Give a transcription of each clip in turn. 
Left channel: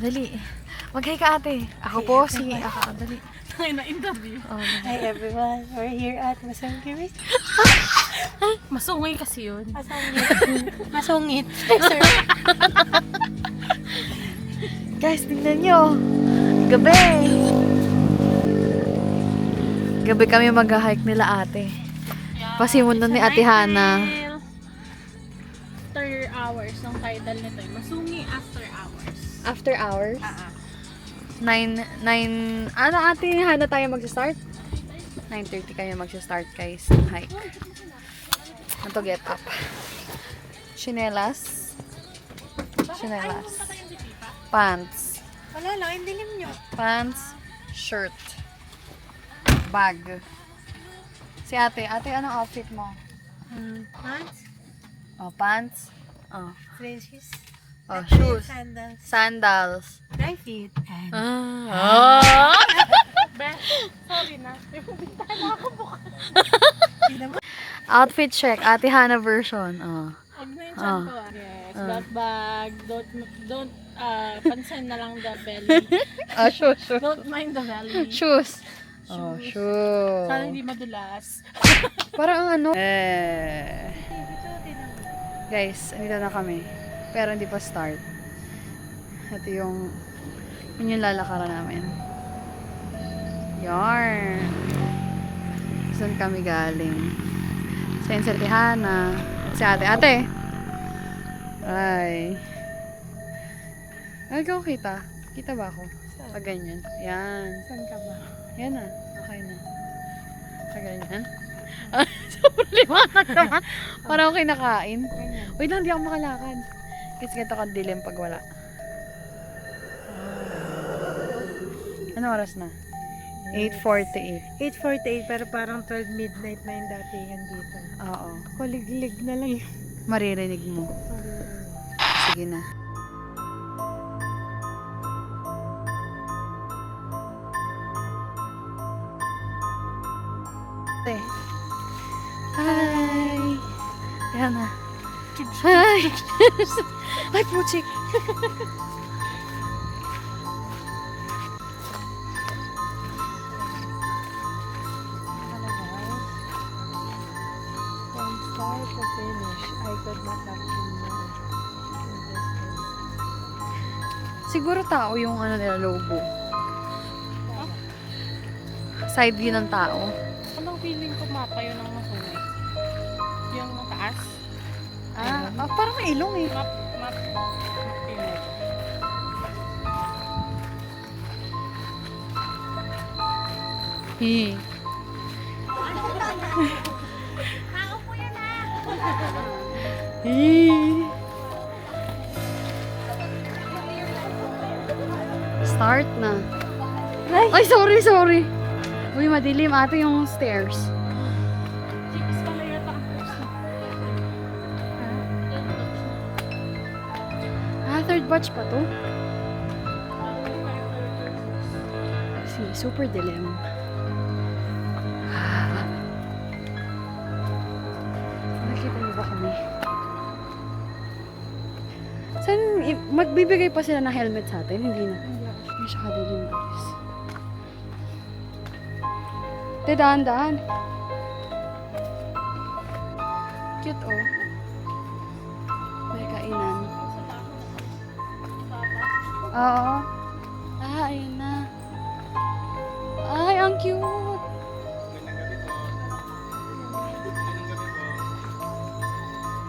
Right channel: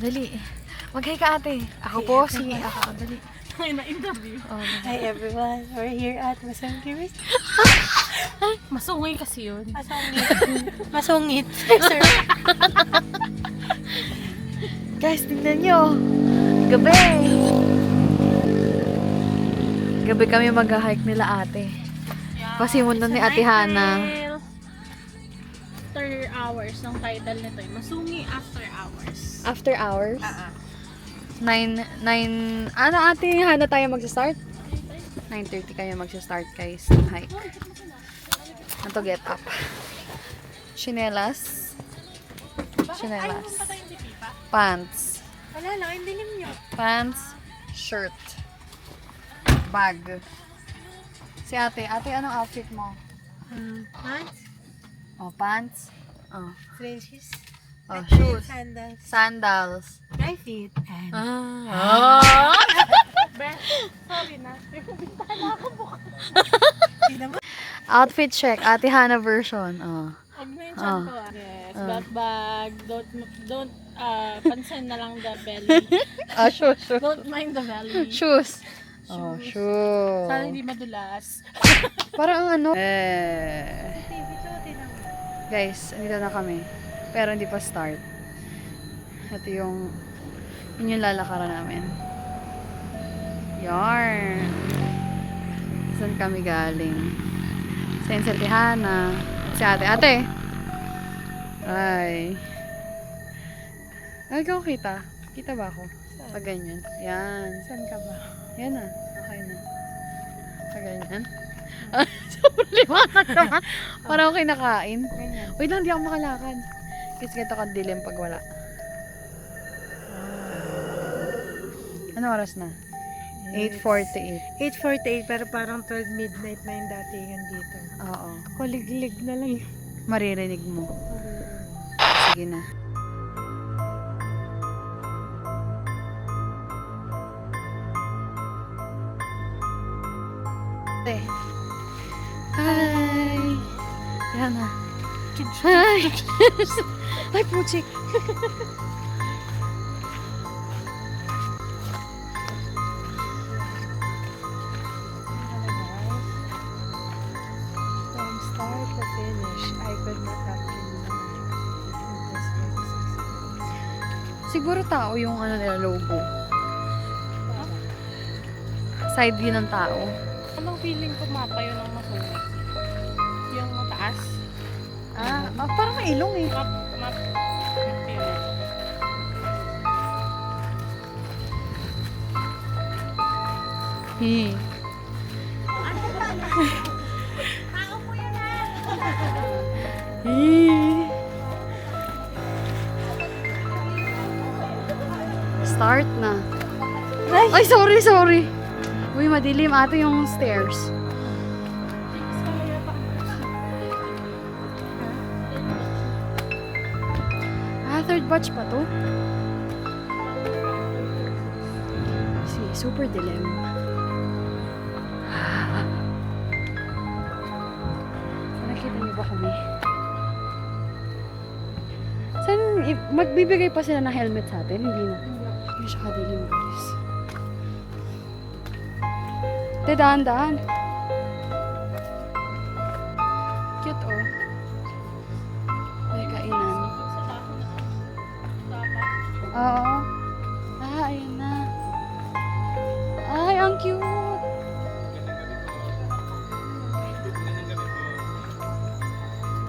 Dali. Mag-hi ka ate. Ako po si... Dali. Na-interview. Hi everyone, we're here at Masungit. Masungay kasi yun. Masungit. Sir. Guys, tingnan nyo. Gabi. Gabi kami mag-hike nila ate. Pasimulan ni Ate Hana. After hours, ang title nito ay Masungi After Hours. After hours? 9, ano Ate Hana tayo magsa-start? 9:30 kayo magsa-start guys ng hike. Ito get up. Chinelas. Pants. Wala lang, hindi dilim nyo. Pants. Shirt. Bag. Si ate, anong outfit mo? Pants, Oh, pants. Oh, dresses, oh shoes. sandals, Sandals. dry fit, and Sorry na. Outfit check. Ate Hana version. Oh. Huwag na yung chan ko. Yes, black bag. Don't pansin na lang the belly. Shoes. Don't mind the belly. Shoes. Oh, shoes. Sana hindi madulas. Parang ang ano. Guys, andito na kami. Pero hindi pa start. Ito yung yun yung lalakaran namin. Yarn. Saan kami galing? Sa Ate Hana. At si ate. Ate! Ay. Ay, ikaw kita. Kita ba ako? Pag ganyan. Yan. saan ka ba? Yan na. Okay na. Pag ganyan. Sobrang liwanag naman. Parang ako kinakain. Wait lang, di ako makalakad. Kasi ganito ka dilim pag wala. Ano oras na? 8:48. 8:48 pero parang 12 midnight na yung datingan dito. Oo. Kuliglig na lang yun. Maririnig mo. Sige na. Hi! Yan na. Hi! Ay, puchik! From start to finish, I could not have been Siguro tao yung ano nila logo. Side view ng tao. Anong feeling ko matayo ng masungi? Yung mataas? Parang may ilong eh. Map feeling. Hey. Start na. Ay, sorry. Uy, madilim ate yung stairs. Chicks pala yata ang person. Third batch pa to? Super dilim. Nakita niyo ba kami? Saan, magbibigay pa sila ng helmet sa atin? Hindi na. Hindi siya kadilim guys. Dahan-dahan. Cute oh. May kainan. Oo. Ayan na. Ay, ang cute.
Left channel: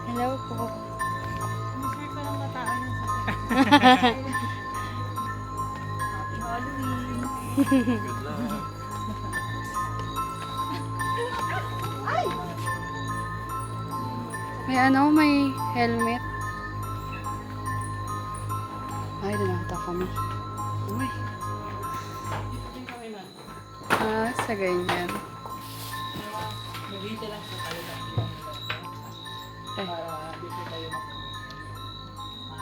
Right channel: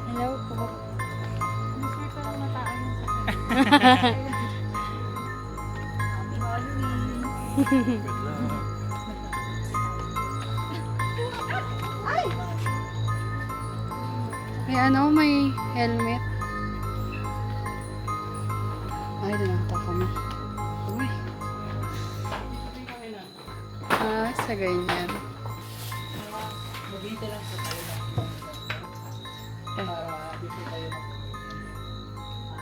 Hello po. Masaya ka lang nataan yung Happy Halloween. May ano, may helmet. Ay, dinata kami. Uy. Sa ganyan. Mag-hintay lang po tayo ng para dito tayo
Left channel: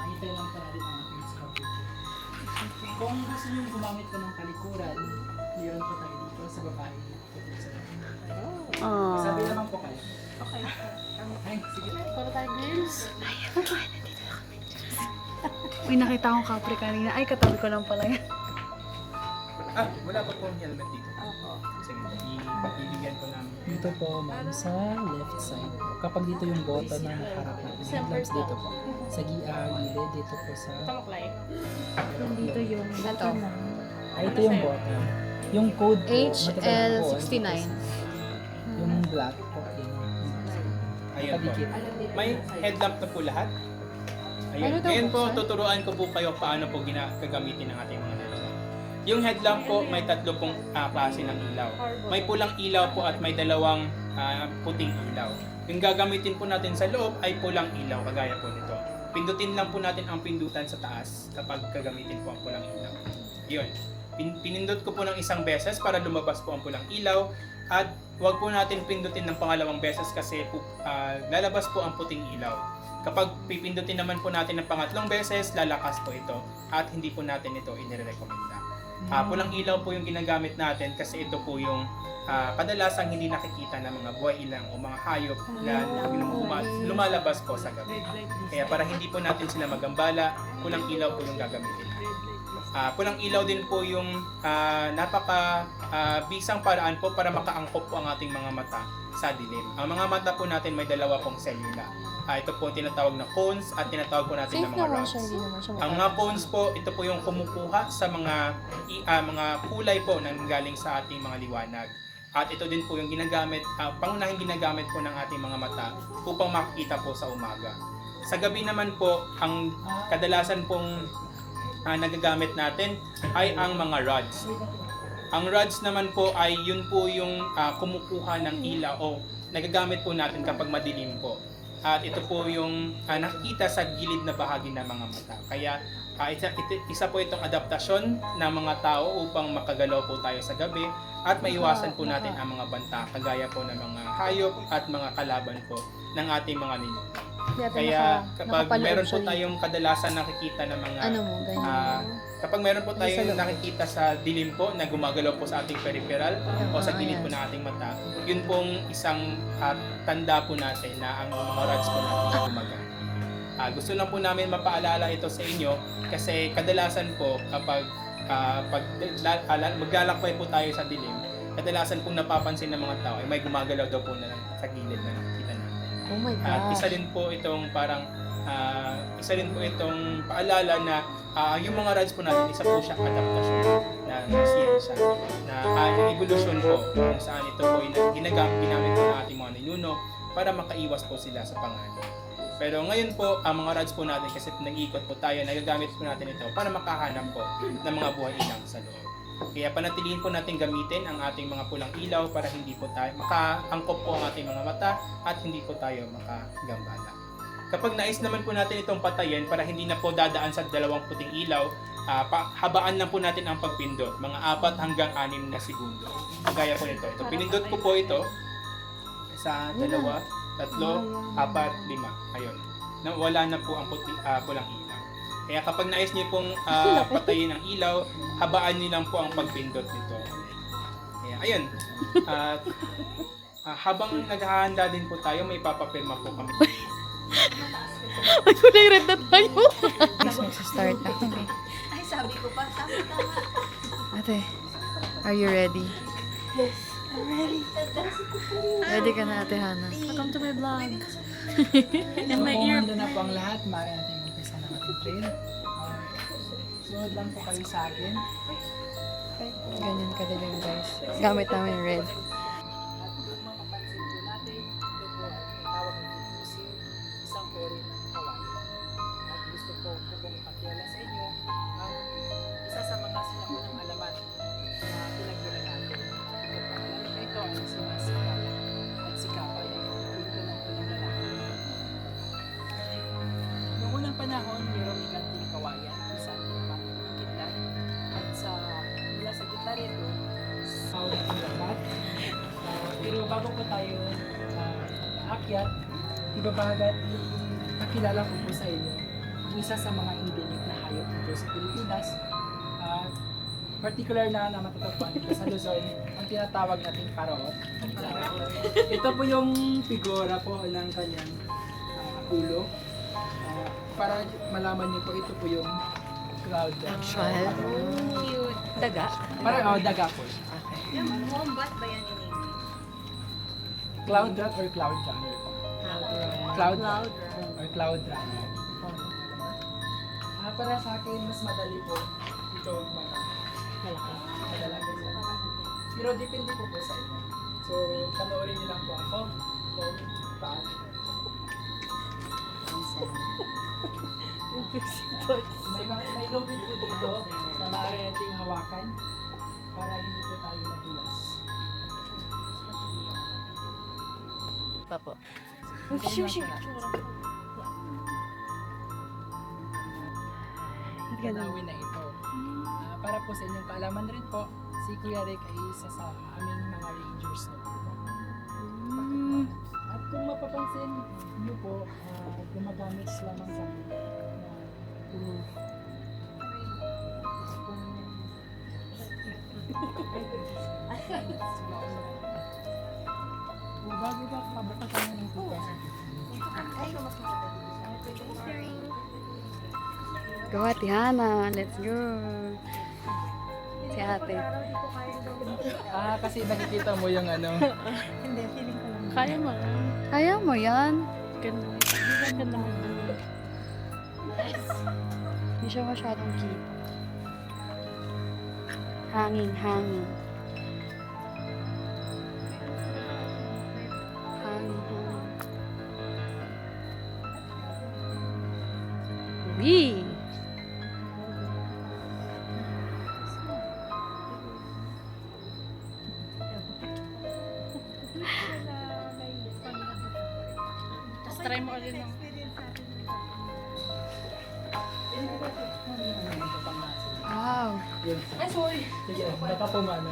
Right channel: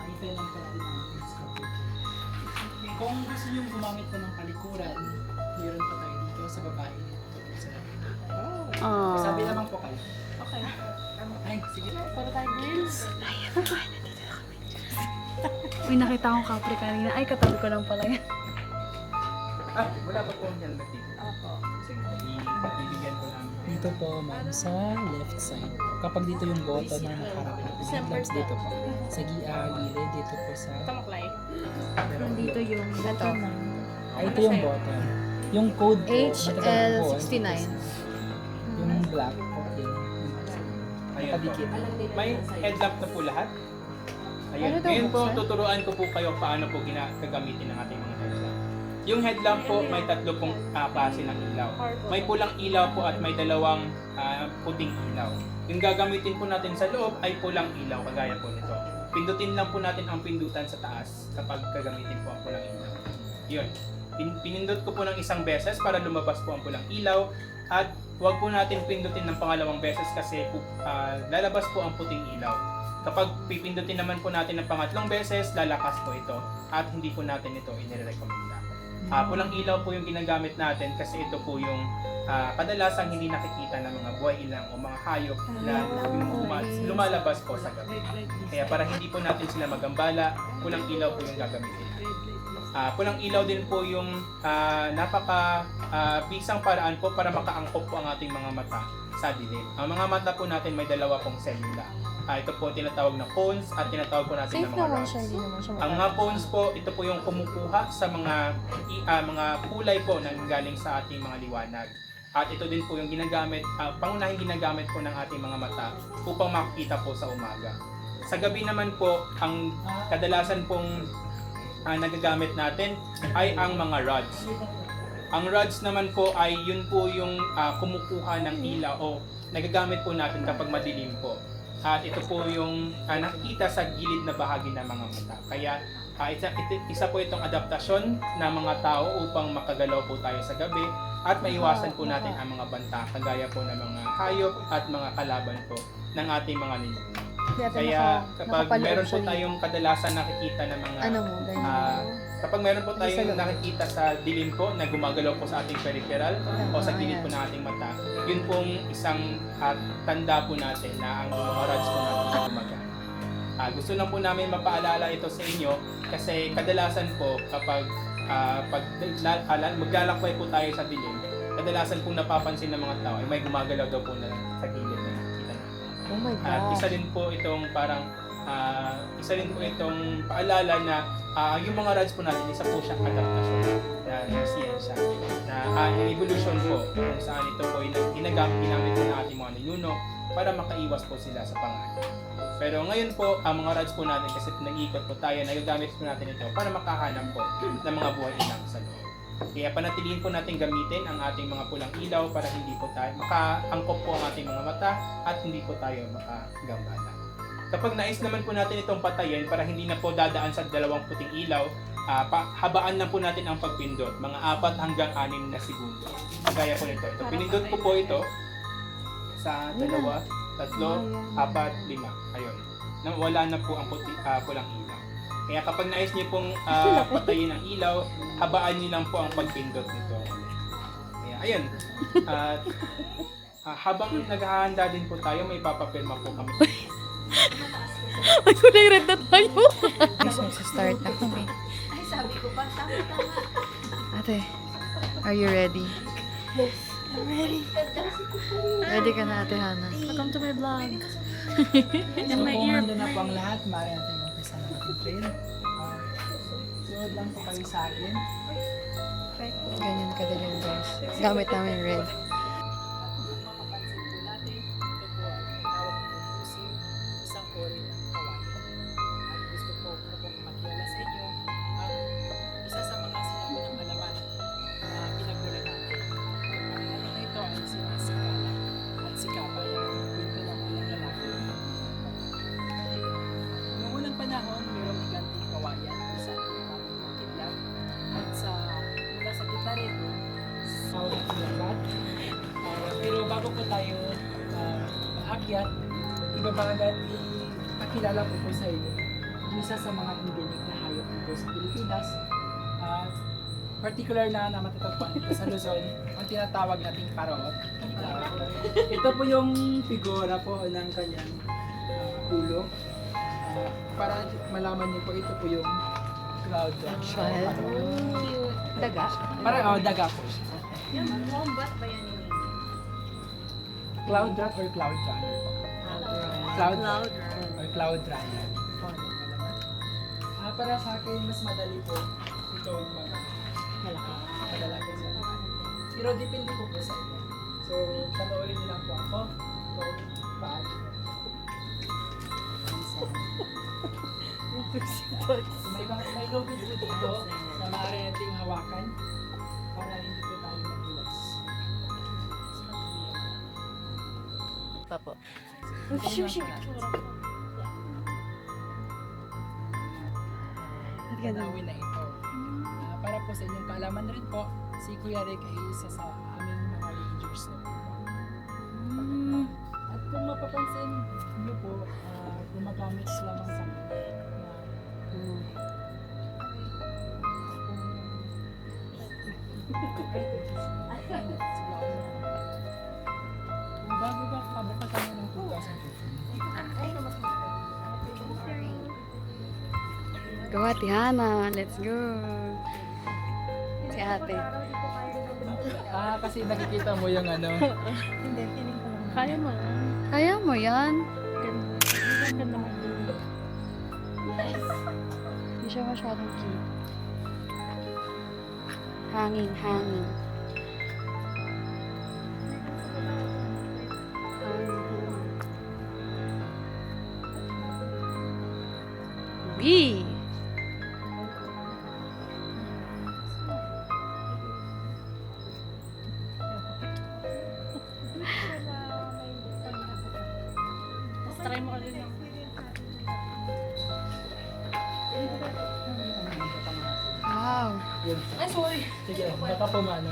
hintay lang pala din ang sculpture. Kung gusto nyo gumamit po ng palikuran, meron pa tayo dito sa babae. Sabi naman po kayo. Okay. Ay, sige. Para tayo girls. Uy, nakita akong kapre kanina. Ay, katabi ko lang pala yan. Wala pa po ang helmet dito. Opo. Sige, ibibigyan ko lang. Dito po, ma'am, sa left side. Kapag dito yung button na nakaharap natin, headlamps dito po. Sa gilid, dito po sa... Nandito yung Ito. Ay, ito yung button. Yung code po, matagal po, HL69. yung black po, yun. Ayun po. Nakadikit. May headlamp na po lahat. Ayun. Ano daw Ngayon po, buksan? tuturuan ko po kayo paano po gagamitin ang ating mga headlamp. Yung headlamp po, may tatlo pong klase ng ilaw. May pulang ilaw po at may dalawang puting ilaw. Yung gagamitin po natin sa loob ay pulang ilaw, kagaya po nito. Pindutin lang po natin ang pindutan sa taas kapag gagamitin po ang pulang ilaw. Yun. Pinindot ko po ng isang beses para lumabas po ang pulang ilaw at huwag po natin pindutin ng pangalawang beses kasi lalabas po ang puting ilaw. Kapag pipindutin naman po natin ng pangatlong beses, lalakas po ito at hindi po natin ito inirekomenda. Pulang ilaw po yung ginagamit natin kasi ito po yung kadalasang hindi nakikita ng mga buhay ilang o mga hayop na lumalabas po sa gabi. Kaya para hindi po natin sila magambala, pulang ilaw po yung gagamitin. Pulang ilaw din po yung bisang paraan po para makaangkop po ang ating mga mata sa dilim. Ang mga mata po natin may dalawa pong selula. Ito po tinatawag na cones at tinatawag po natin safe na mga naman rods. siya, hindi naman siya Ang mga cones po, ito po yung kumukuha sa mga kulay po na galing sa ating mga liwanag. At ito din po yung ginagamit, pangunahing ginagamit po ng ating mga mata upang makikita po sa umaga. Sa gabi naman po, ang kadalasan pong nagagamit natin ay ang mga rods. Ang rods naman po ay yun po yung kumukuha ng ilaw o nagagamit po natin kapag madilim po. At ito po yung nakikita sa gilid na bahagi ng mga mata. Kaya isa po itong adaptasyon ng mga tao upang makagalaw po tayo sa gabi at maiwasan po natin ang mga banta kagaya po ng mga hayop at mga kalaban po ng ating mga ninuno. Kaya kapag meron po tayong kadalasan nakikita ng mga ano mo, ganyan. kapag meron po tayong nakikita sa dilim po na gumagalaw po sa ating peripheral o sa gilid po ng ating mata, yun pong isang tanda po natin na ang mga rods po natin gumagamit. Gusto lang po namin mapaalala ito sa inyo kasi kadalasan po kapag maglalakbay po tayo sa dilim, kadalasan po napapansin ng mga tao may gumagalaw daw po na sa gilid na nakikita natin. Oh my At God. isa rin po itong paalala na yung mga rods po natin, isa po siyang adaptasyon na siyensya, na evolution po kung saan ito po ginamit po ng ating mga ninuno para makaiwas po sila sa panganib. Pero ngayon po, ang mga rods po natin kasi nag-iikot po tayo, nagagamit po natin ito para makahanap po ng mga buhay ilang sa loob. Kaya panatilihin po natin gamitin ang ating mga pulang ilaw para hindi po tayo makaangkop po ang ating mga mata at hindi po tayo makagambala. Kapag nais naman po natin itong patayin para hindi na po dadaan sa dalawang puting ilaw, habaan na po natin ang pagpindot, mga 4 hanggang 6 na segundo. Kagaya po nito. Pinindot ko po ito sa 2, 3, 4, 5. Ayun. Wala na po ang pulang ilaw. Kaya kapag nais niyo pong patayin ang ilaw, habaan niyo lang po ang pagpindot nito. Kaya ayun. Habang naghahanda din po tayo, may papapirma po kami. Ay, kulay red na tayo. Guys, magsistart na kami. Ay, sabi ko pa, tama. Ate, are you ready? Yes, I'm ready. Ready ka na, Ate Hana? Welcome to my vlog. So kung nandun na po ang lahat, maaari natin mag-umpisa ng ating trail. Sunod lang po kayo sa akin. Ganyan kadilim, guys. Gamit namin red. At kung mapapansin po natin, ito po ay tinatawag ng fusing, isang uri ng kawain. At gusto po pong ipakilala sa inyo ang isa sa mga sinaunang halaman na pinagmulan natin. Ito po, ang halaman na ito ay si Masika. At sika ay pinto ng pinagalan. Noong unang panahon, mayroong iganting kawayan kung saan ginagamit ng kidlat. At mula sa gitna rito, tawag natin yung bat. Pero bago po tayo akyat, ibabagat ipakilala ko po sa inyo isa sa mga endemic na hayop dito sa Pilipinas. At particular na matatagpuan dito sa Luzon, ang tinatawag nating parot. Ito po yung figura po ng kanyang ulo. Para malaman niyo po, ito po yung cloud rat. Daga. Parang daga po siya. Cloud rat or cloud runner po. Cloud rat or cloud runner. Para sa akin, mas madali po ito mga malalaki sa mga. Pero depende po sa inyo. So, panoorin niyo lang po ito. So, paano? May lobby po dito na maaari nating hawakan para hindi po tayo madulas. Papo. Tanawin na ito. Para po sa inyong kaalaman rin po, si Kuya Rick ay isa sa aming mga rangers na po. At kung mapapansin niyo po, gumagamit lamang sa amin na bago ba pabukas kami ng tugas? Go Ate Hana, let's go. Si ate. Kasi nakikita mo yung ano. Hindi, feeling ko lang. Kaya mo. Kaya mo yan. Ganda mo dun. Hindi siya masyadong kita. Hanging. Hanging. Wee! Tapos try mo ulit ng Wow! Yun. Ay, sorry. Sige, baka pumano.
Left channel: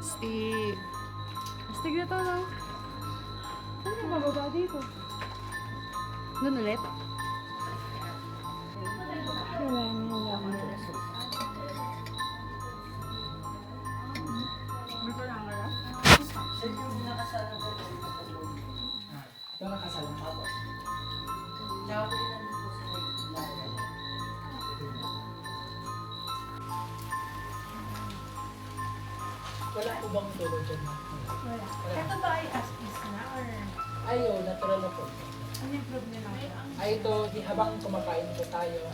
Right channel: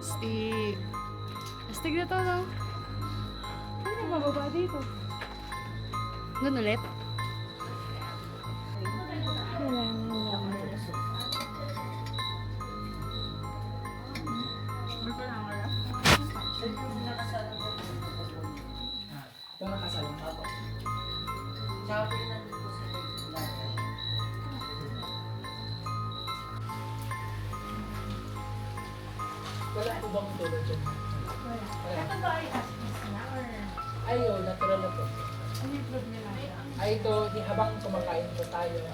Astig. Astig na to, no? Ano ka bababa dito? Doon ulit? Kailangan lang. Ito nakasalang pa po. Wala po bang tulo dyan? Wala. Ito ba ay aspas na or Ay, natural na po. ano yung problem na siya? Ay, ito, habang kumakain po tayo,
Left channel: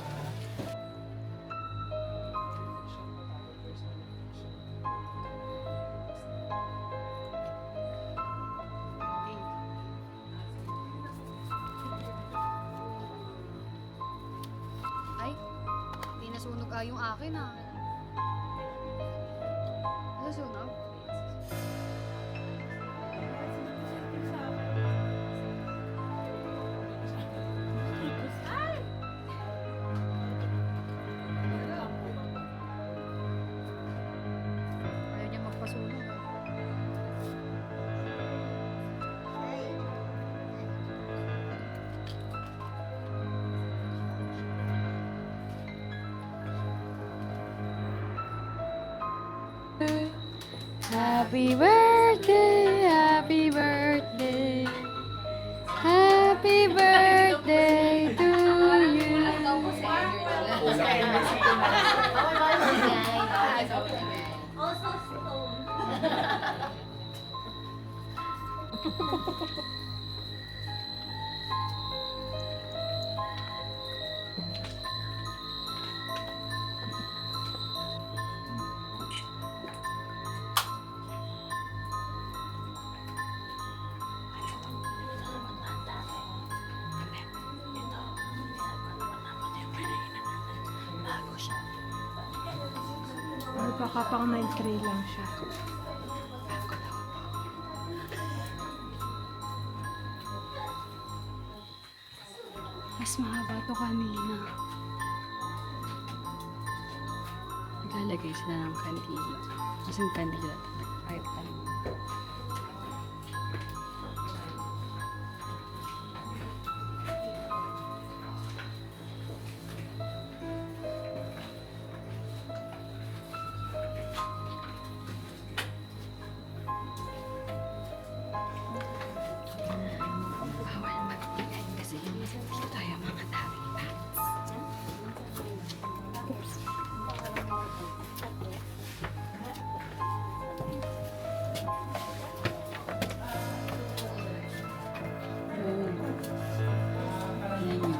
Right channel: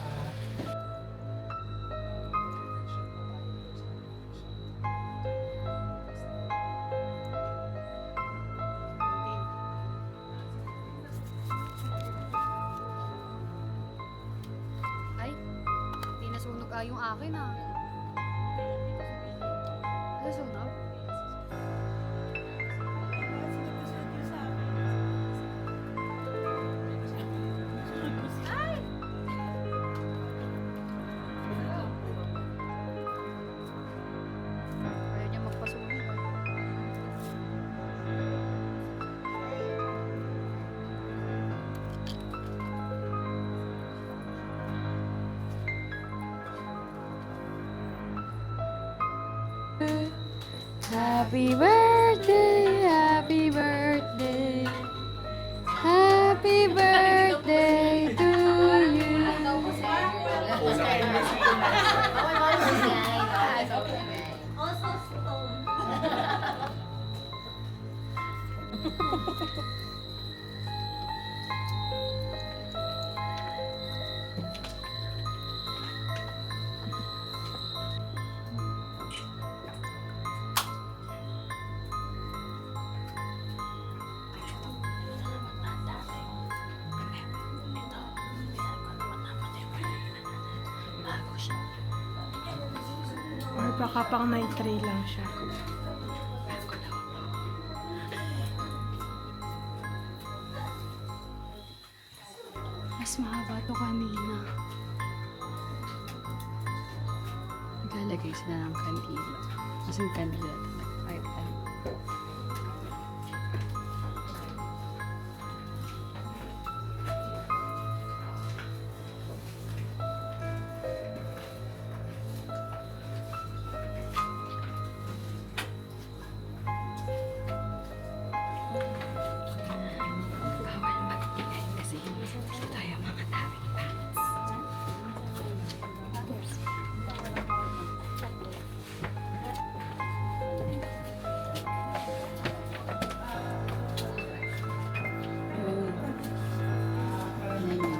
Ay, di nasunog yung akin ah. Nasunog? Ayaw niya magpasunog ah. Happy birthday, happy birthday, happy birthday to you. Or baka pang 9-3 lang siya. Mas mahaba to kanina. Lalagay sila ng kandila. Kasi yung kandila talaga. Kahit ano. Bawal magbigay kasi dito tayo mga daming pants. Oops. Tingnan nyo.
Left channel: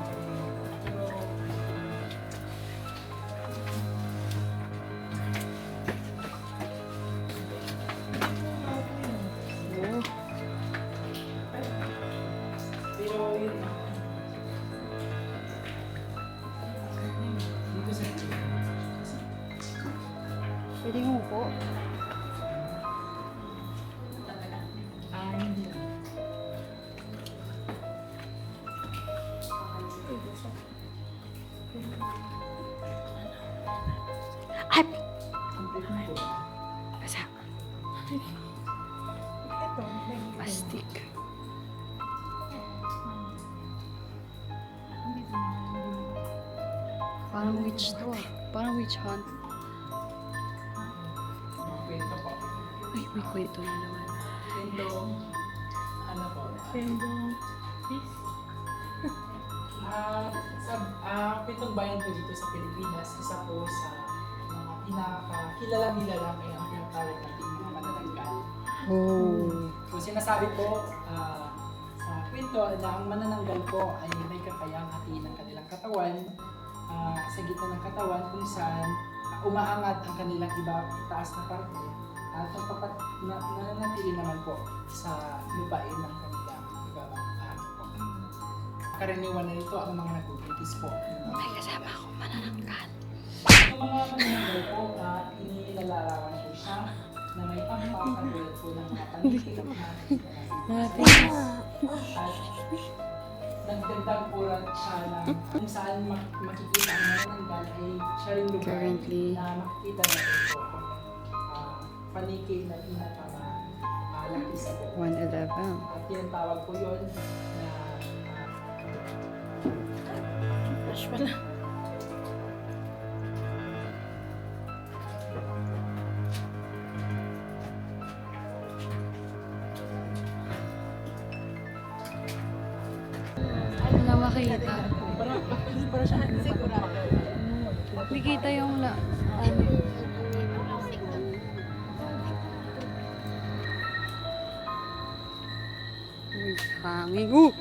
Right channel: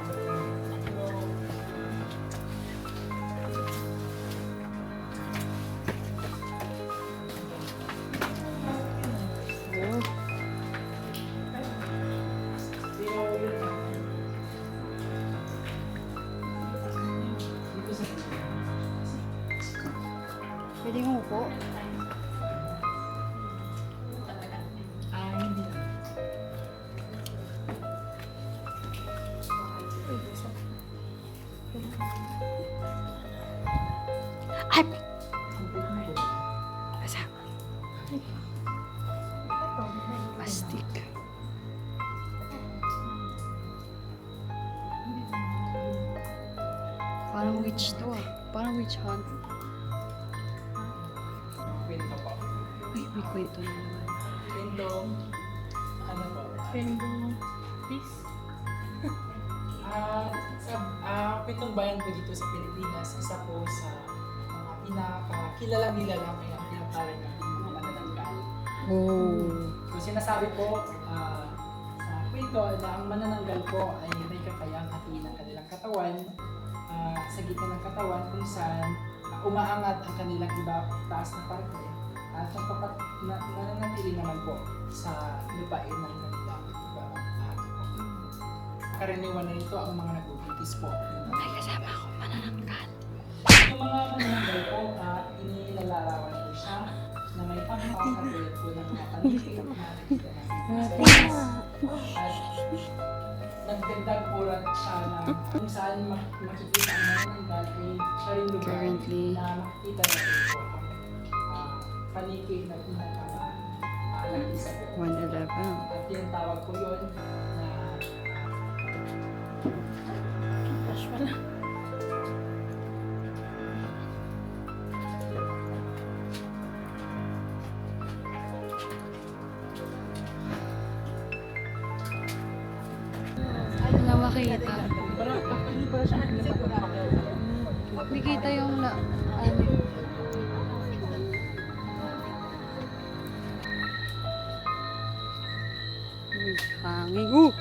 Oh. Pero yun na. Dito sa Pwede mo po. hindi na. Ay! Complete mo po. Basa. Plastic. Parang witch to ah. Parang witch hunt. Pwede pa po. Ay, may kwento na naman. Pindong, ano po? Pindong fish. Pitong bayan po dito sa Pilipinas, isa po sa mga pinakakilalang-kilala may ang tinatawag natin mga manananggal. Oh. So sinasabi po sa kwento na ang manananggal po ay may kakayang hatiin ang kanilang katawan sa gitna ng katawan kung saan umaangat ang kanilang iba taas na parte at nananatili naman po sa lupain ng kanilang ibang bahagi po. Karaniwan na nito ang mga nagbubuntis po. May kasama akong manananggal. Yung mga manananggal po, inilalarawan po siya na may pampakatulad po ng mga panitig na nakikita natin sa at nagdagdag po lang siya na kung saan makikita ang manananggal ay siya rin lugar Currently. na makikita natin po ang panikig na pinakamalaki sa po. 111. At tinatawag po yun na Fresh pala. Wala makita. Para siya sigurado. Hindi kita yung ano. Uy, hangin.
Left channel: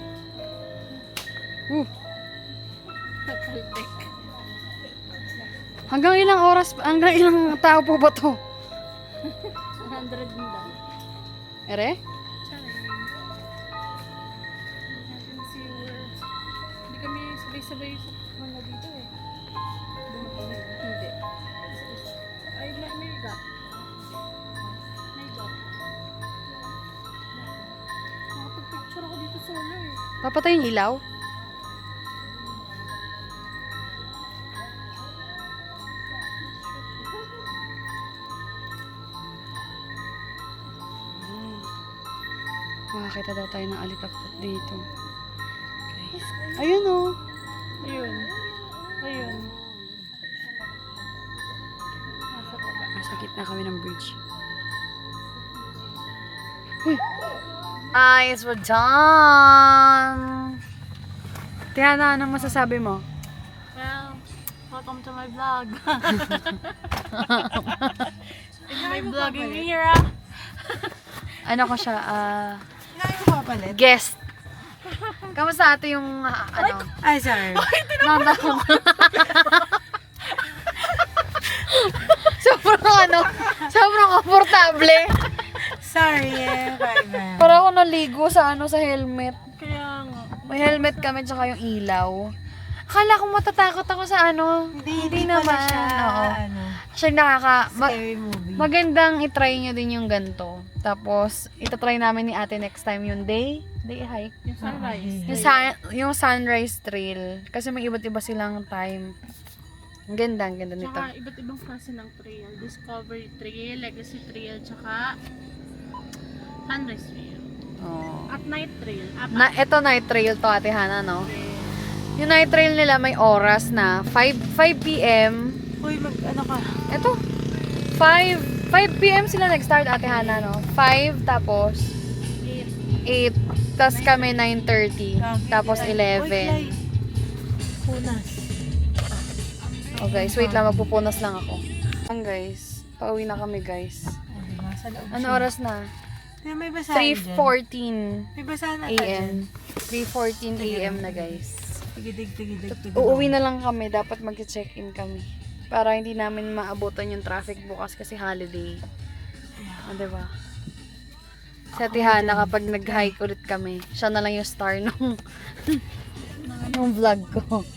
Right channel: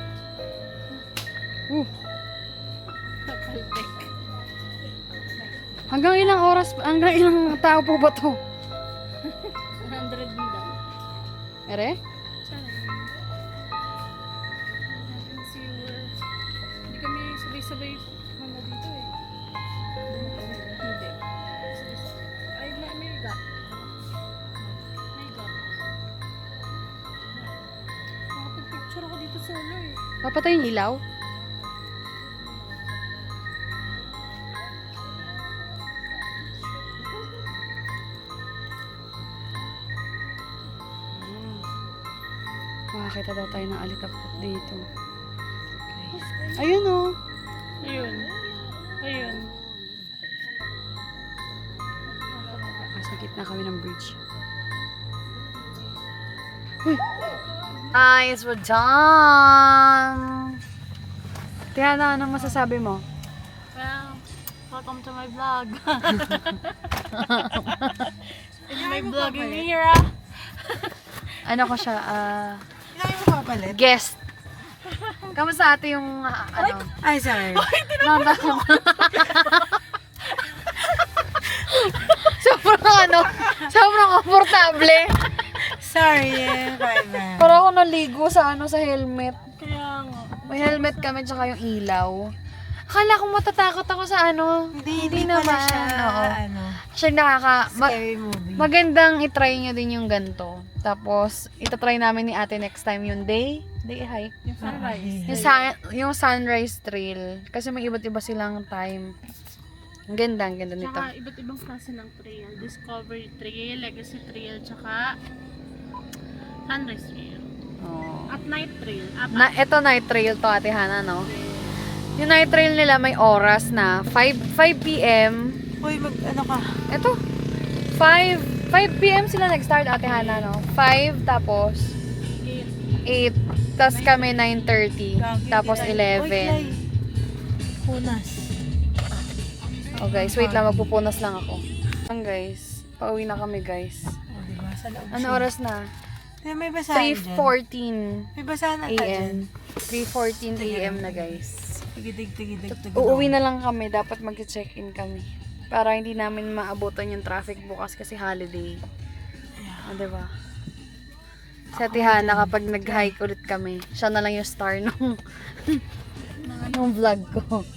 Kaltek. Hanggang ilang tao po ba to? 100 din daw. Ere? Charing. Natin si Hindi kami sabay-sabay mga dito eh. Hindi. Ay, may gap. May gap. Nakapag-picture ako dito solo eh. Papatay yung ilaw? Makakita daw tayo ng alitapot dito. Guys. Ayun oh. Ayun. Ayun. Nasa gitna kami ng bridge. Uy! Guys, we're done! Tiana, anong masasabi mo? Well, welcome to my vlog. In my vlogging era. Ano ko siya, guest. Kamusta ate yung, ano? Ay, sorry. Sobrang komportable. Sorry. Bye-bye. Para ako naligo sa sa helmet. Kaya nga. May helmet kami tsaka yung ilaw. Akala ko matatakot ako sa Hindi pala naman. siya, Oo. ano, Actually, scary movie. magandang itry nyo din yung ganito. Tapos, itatry namin ni ate next time yung day hike. Yung sunrise. Yung sunrise trail. Kasi may iba't iba silang time. Ang ganda nito. Tsaka iba't ibang klase ng trail. Discovery Trail, Legacy Trail, tsaka Sunrise Trail. Oh. At Night Trail. Ito night trail to, Ate Hana, no? Yung night trail nila may oras na 5 p.m. Uy, ano ka? Ito. 5 p.m. sila nag-start, Ate Hana, no? 5, tapos 8. Tapos kami 9:30. Tapos 11. Punas. Oh guys, wait lang, magpupunas lang ako. Guys, pauwi na kami guys. Oh, diba? Sa loob Ano siya. oras na? May basahan dyan. 3:14 May basahan na a.m. 3:14 a.m. na guys. Tigidig. Uuwi na lang kami, dapat mag-check-in kami. Para hindi namin maabutan yung traffic bukas kasi holiday. O, diba? Sa Tihana, kapag nag-hike ulit kami, siya na lang yung star nung vlog ko.